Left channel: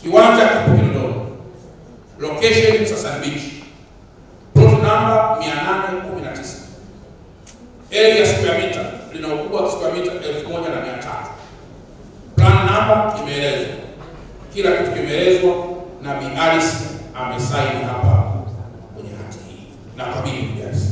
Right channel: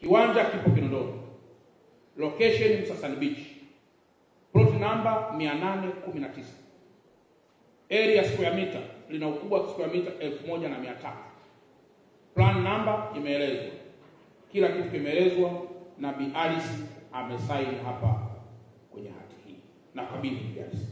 Kiwanja kipo Kinondoni, location Msasani Beach, plot number 819. Area square meter lina ukubwa wa square meter 1300. Plan number imeelezwa, kila kitu kimeelezwa na Bi Alice amesaini hapa kwenye hati hii na kabili Bi Alice.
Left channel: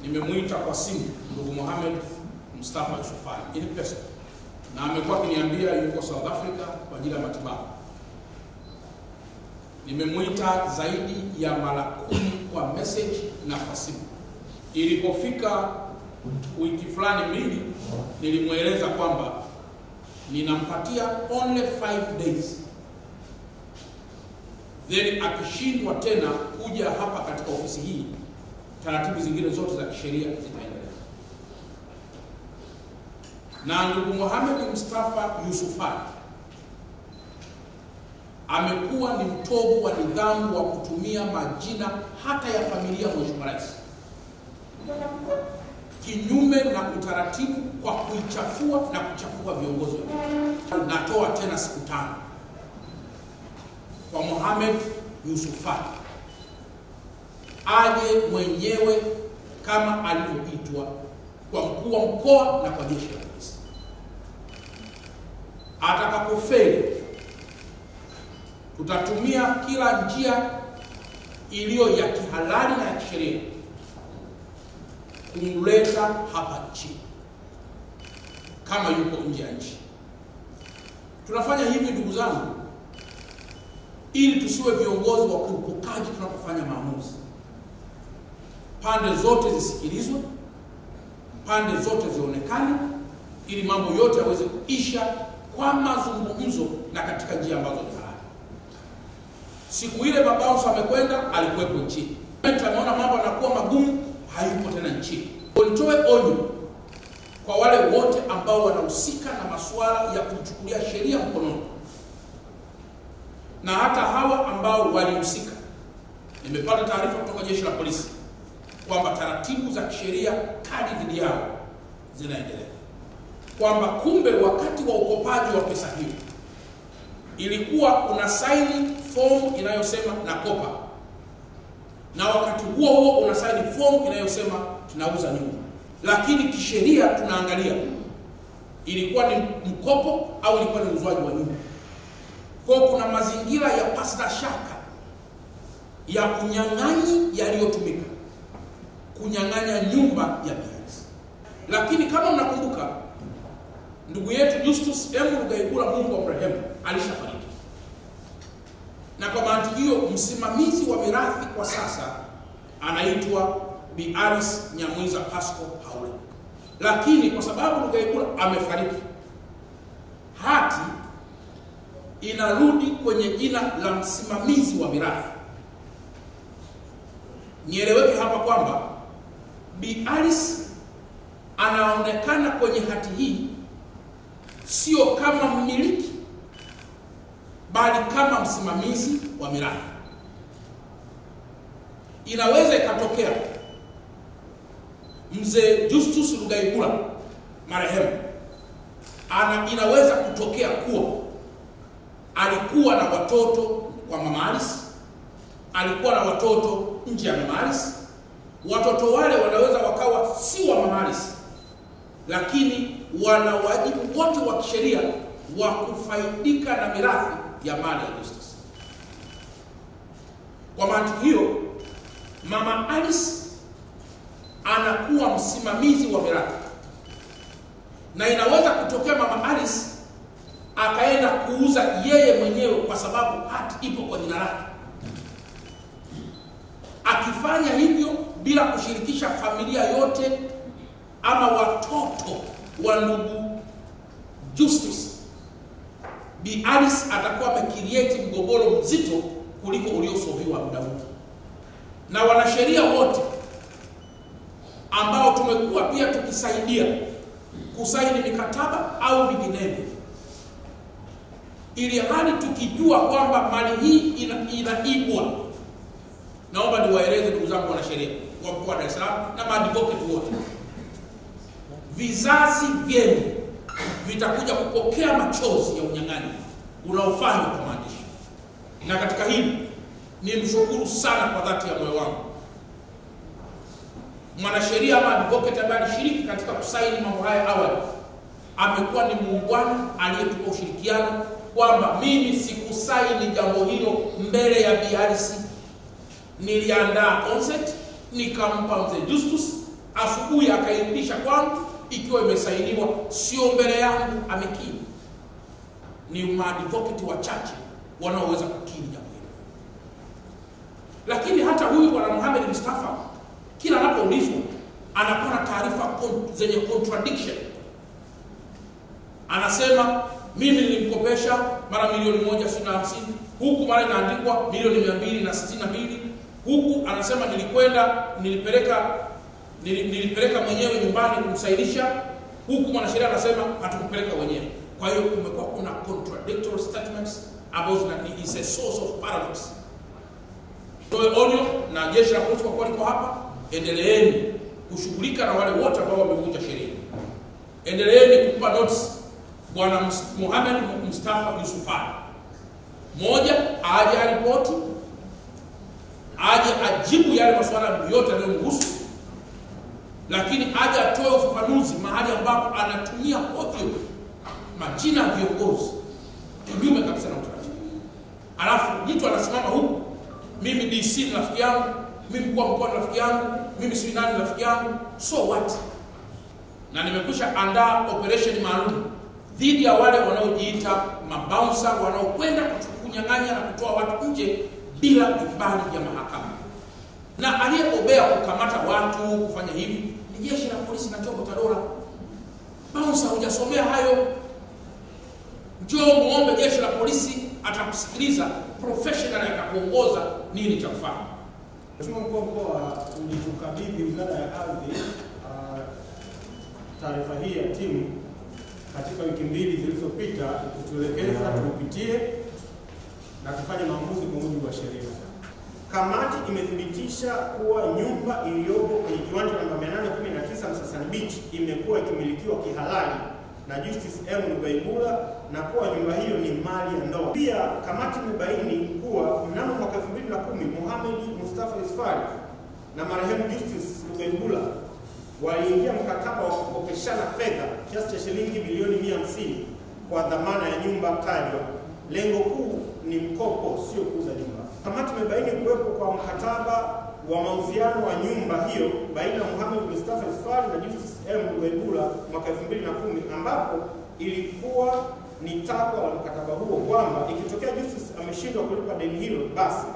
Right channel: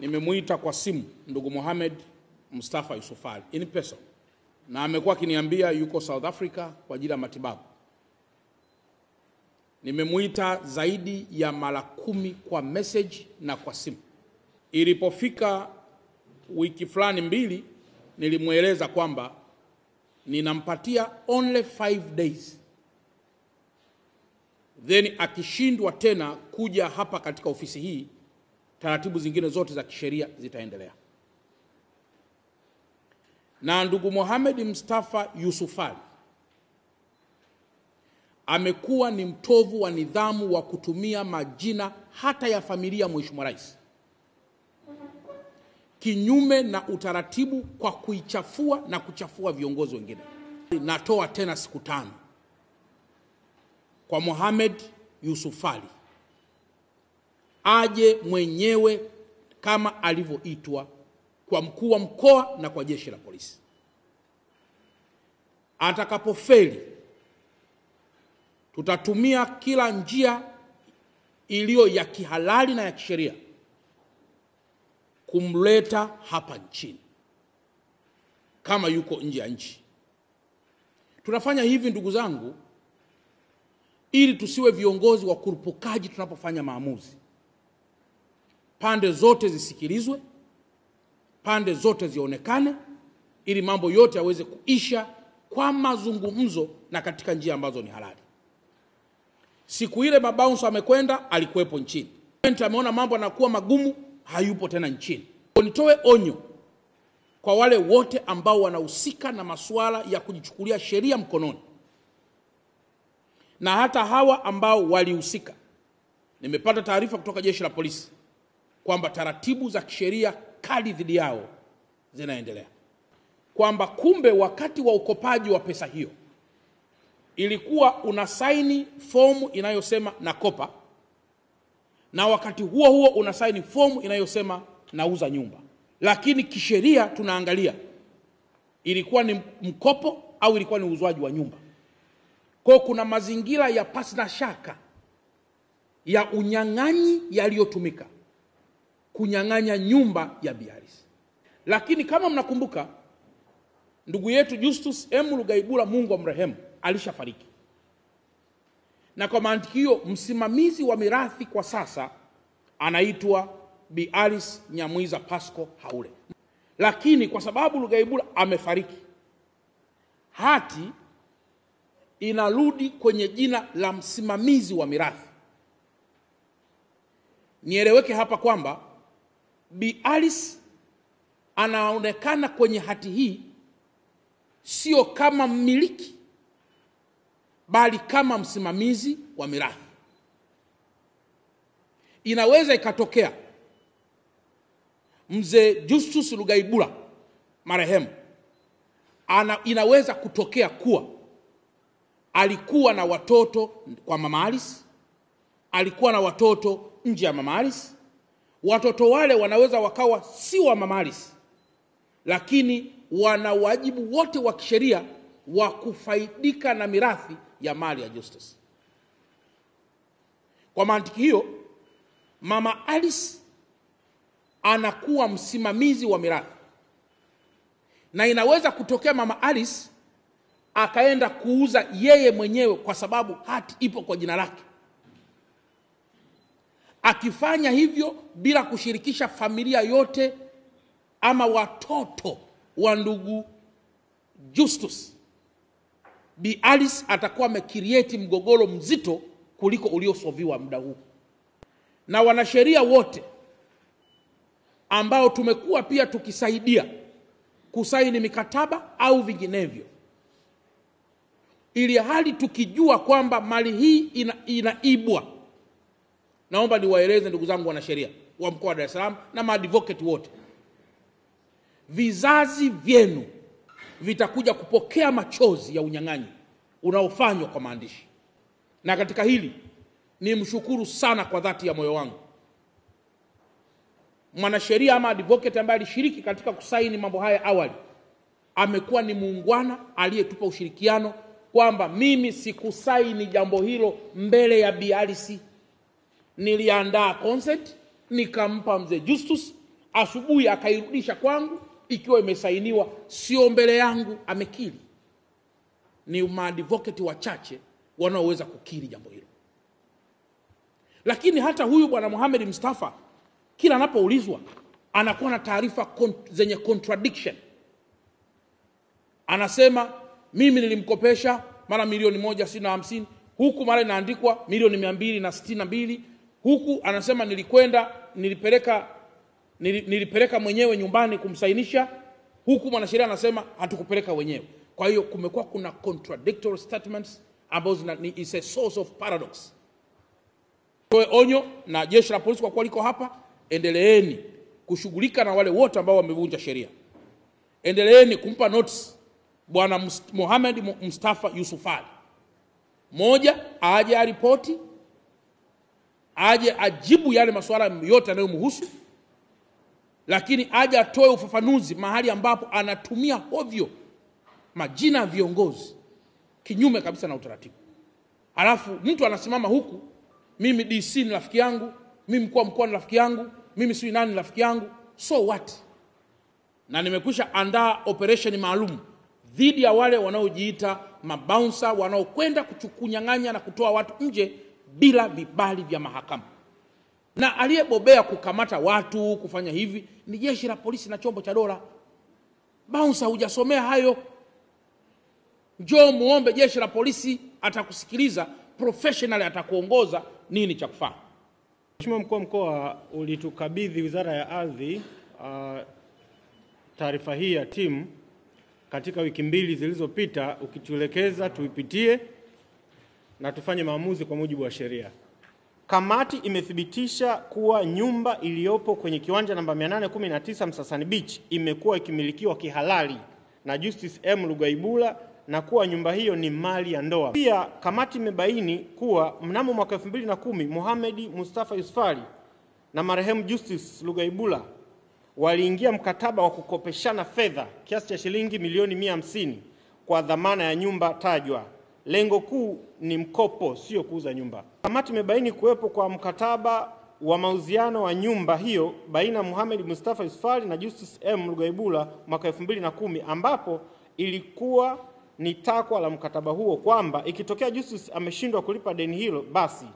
Nimemuita kwa simu ndugu Mohamed Mustafa Yusuf Ali in person, na amekuwa akiniambia yuko South Africa kwa ajili ya matibabu. Nimemuita zaidi ya mara 10 kwa message na kwa simu. Ilipofika wiki fulani mbili, nilimueleza kwamba ninampatia only 5 days, then akishindwa tena kuja hapa katika ofisi hii, taratibu zingine zote za kisheria zitaendelea. Na ndugu Mohamed Mustafa Yusuf Ali amekuwa ni mtovu wa nidhamu wa kutumia majina hata ya familia Mheshimiwa Rais kinyume na utaratibu kwa kuichafua na kuchafua viongozi wengine. Natoa tena siku 5 kwa Mohamed Yusuf Ali aje mwenyewe kama alivyoitwa kwa mkuu wa mkoa na kwa jeshi la polisi. Atakapofeli, tutatumia kila njia iliyo ya kihalali na ya kisheria kumleta hapa nchini kama yuko nje ya nchi. Tunafanya hivi ndugu zangu ili tusiwe viongozi wa kurupukaji tunapofanya maamuzi. Pande zote zisikilizwe, pande zote zionekane, ili mambo yote yaweze kuisha kwa mazungumzo na katika njia ambazo ni halali. Siku ile Babaunso amekwenda, alikuwepo nchini. Tumeona mambo yanakuwa magumu, hayupo tena nchini. Nitoe onyo kwa wale wote ambao wanahusika na masuala ya kujichukulia sheria mkononi, na hata hawa ambao walihusika. Nimepata taarifa kutoka jeshi la polisi kwamba taratibu za kisheria kali dhidi yao zinaendelea, kwamba kumbe wakati wa ukopaji wa pesa hiyo ilikuwa unasaini fomu inayosema nakopa, na wakati huo huo unasaini fomu inayosema nauza nyumba, lakini kisheria tunaangalia ilikuwa ni mkopo au ilikuwa ni uuzwaji wa nyumba. Kwa kuna mazingira ya pasina shaka ya unyang'anyi yaliyotumika kunyang'anya nyumba ya Bi Alice. Lakini kama mnakumbuka, ndugu yetu Justus M. Rugayigula, Mungu amrehemu, alishafariki. Na kwa mantiki hiyo msimamizi wa mirathi kwa sasa anaitwa Bi Alice Nyamwiza Pasco Haule. Lakini kwa sababu Rugayigula amefariki, hati inarudi kwenye jina la msimamizi wa mirathi. Nieleweke hapa kwamba Bi Alice anaonekana kwenye hati hii sio kama mmiliki, bali kama msimamizi wa mirathi. Inaweza ikatokea mzee Justus Rugayigula marehemu, inaweza kutokea kuwa alikuwa na watoto kwa Mama Alice, alikuwa na watoto nje ya Mama Alice. Watoto wale wanaweza wakawa si wa Mama Alice, lakini wana wajibu wote wa kisheria wa kufaidika na mirathi ya mali ya Justus. Kwa mantiki hiyo, Mama Alice anakuwa msimamizi wa mirathi, na inaweza kutokea Mama Alice akaenda kuuza yeye mwenyewe kwa sababu hati ipo kwa jina lake. Akifanya hivyo bila kushirikisha familia yote ama watoto wa ndugu Justus, Bi Alice atakuwa amecreate mgogoro mzito kuliko uliosolviwa muda huu. Na wanasheria wote ambao tumekuwa pia tukisaidia kusaini mikataba au vinginevyo, ili hali tukijua kwamba mali hii inaibwa, Naomba niwaeleze ndugu zangu wanasheria wa mkoa wa Dar es Salaam na maadvocate wote, vizazi vyenu vitakuja kupokea machozi ya unyang'anyi unaofanywa kwa maandishi. Na katika hili nimshukuru sana kwa dhati ya moyo wangu mwanasheria ama advocate ambaye alishiriki katika kusaini mambo haya awali. Amekuwa ni muungwana aliyetupa ushirikiano kwamba mimi sikusaini jambo hilo mbele ya BRC. Niliandaa consent nikampa mzee Justus, asubuhi akairudisha kwangu ikiwa imesainiwa, sio mbele yangu amekiri. Ni maadvocate wachache wanaoweza kukiri jambo hilo. Lakini hata huyu bwana Mohamed Mustafa kila anapoulizwa anakuwa na taarifa zenye contradiction. Anasema mimi nilimkopesha mara milioni 150, huku mara inaandikwa milioni 262, huku anasema nilipeleka mwenyewe nyumbani kumsainisha, huku mwanasheria anasema hatukupeleka wenyewe. Kwa hiyo kumekuwa kuna contradictory statements ambazo is a source of paradox. Kwa onyo na jeshi la polisi kwa kuwa liko hapa, endeleeni kushughulika na wale wote ambao wamevunja sheria. Endeleeni kumpa notice bwana Mohamed Mustafa Yusufali. Moja, aje aripoti, aje ajibu yale masuala yote yanayomhusu, lakini aje atoe ufafanuzi mahali ambapo anatumia ovyo majina ya viongozi kinyume kabisa na utaratibu. Alafu mtu anasimama huku, mimi DC ni rafiki yangu, mimi mkuu wa mkoa ni rafiki yangu, mimi si nani ni rafiki yangu, so what? Na nimekwisha andaa operation maalum dhidi ya wale wanaojiita mabouncer wanaokwenda kunyang'anya na kutoa watu nje bila vibali vya mahakama. Na aliyebobea kukamata watu kufanya hivi ni jeshi la polisi na chombo cha dola. Bouncer hujasomea hayo. Njoo muombe jeshi la polisi, atakusikiliza professional, atakuongoza nini cha kufanya. Mheshimiwa Mkuu wa Mkoa, ulitukabidhi Wizara ya Ardhi taarifa hii ya timu katika wiki 2 zilizopita, ukituelekeza tuipitie na tufanye maamuzi kwa mujibu wa sheria. Kamati imethibitisha kuwa nyumba iliyopo kwenye kiwanja namba 819 Msasani Beach imekuwa ikimilikiwa kihalali na Justice M. Lugaibula na kuwa nyumba hiyo ni mali ya ndoa. Pia kamati imebaini kuwa mnamo mwaka 2010 Mohamed Mustafa Yusufali na marehemu Justice Lugaibula waliingia mkataba wa kukopeshana fedha kiasi cha shilingi milioni 150 kwa dhamana ya nyumba tajwa. Lengo kuu ni mkopo, sio kuuza nyumba. Kamati imebaini kuwepo kwa mkataba wa mauziano wa nyumba hiyo baina ya Mohamed Mustafa Yusufali na Justice M. Lugaibula mwaka 2010, ambapo ilikuwa ni takwa la mkataba huo kwamba ikitokea Justice ameshindwa kulipa deni hilo, basi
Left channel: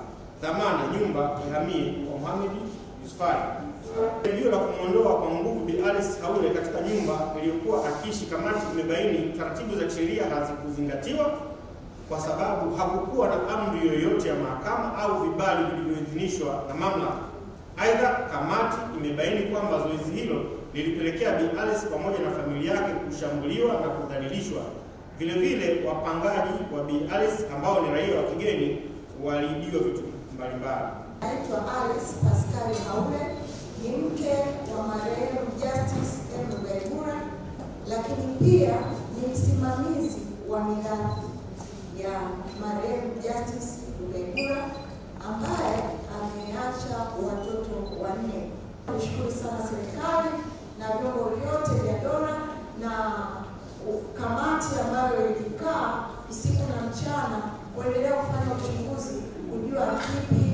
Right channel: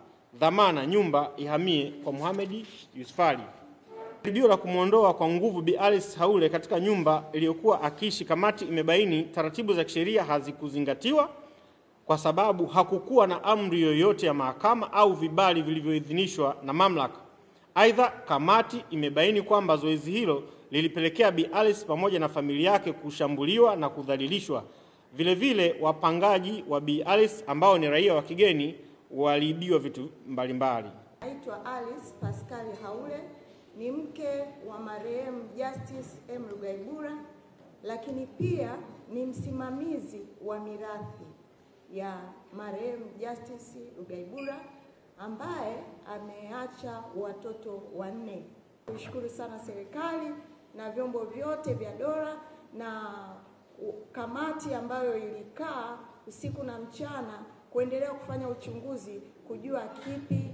dhamana nyumba ihamie kwa Mohamed Yusufali. Jaribio la kumwondoa kwa nguvu Bi Alice Haule katika nyumba iliyokuwa akiishi, kamati imebaini taratibu za kisheria hazikuzingatiwa kwa sababu hakukuwa na amri yoyote ya mahakama au vibali vilivyoidhinishwa na mamlaka. Aidha, kamati imebaini kwamba zoezi hilo lilipelekea Bi Alice pamoja na familia yake kushambuliwa na kudhalilishwa. Vile vile wapangaji wa Bi Alice ambao ni raia wa kigeni waliibiwa vitu mbalimbali. Naitwa Alice Pascal Haule, ni mke wa marehemu Justice M. Lugaibula, lakini pia ni msimamizi wa mirathi ya marehemu Justice Lugaibula ambaye ameacha watoto 4. Nishukuru sana serikali na vyombo vyote vya dola na kamati ambayo ilikaa usiku na mchana kuendelea kufanya uchunguzi kujua kipi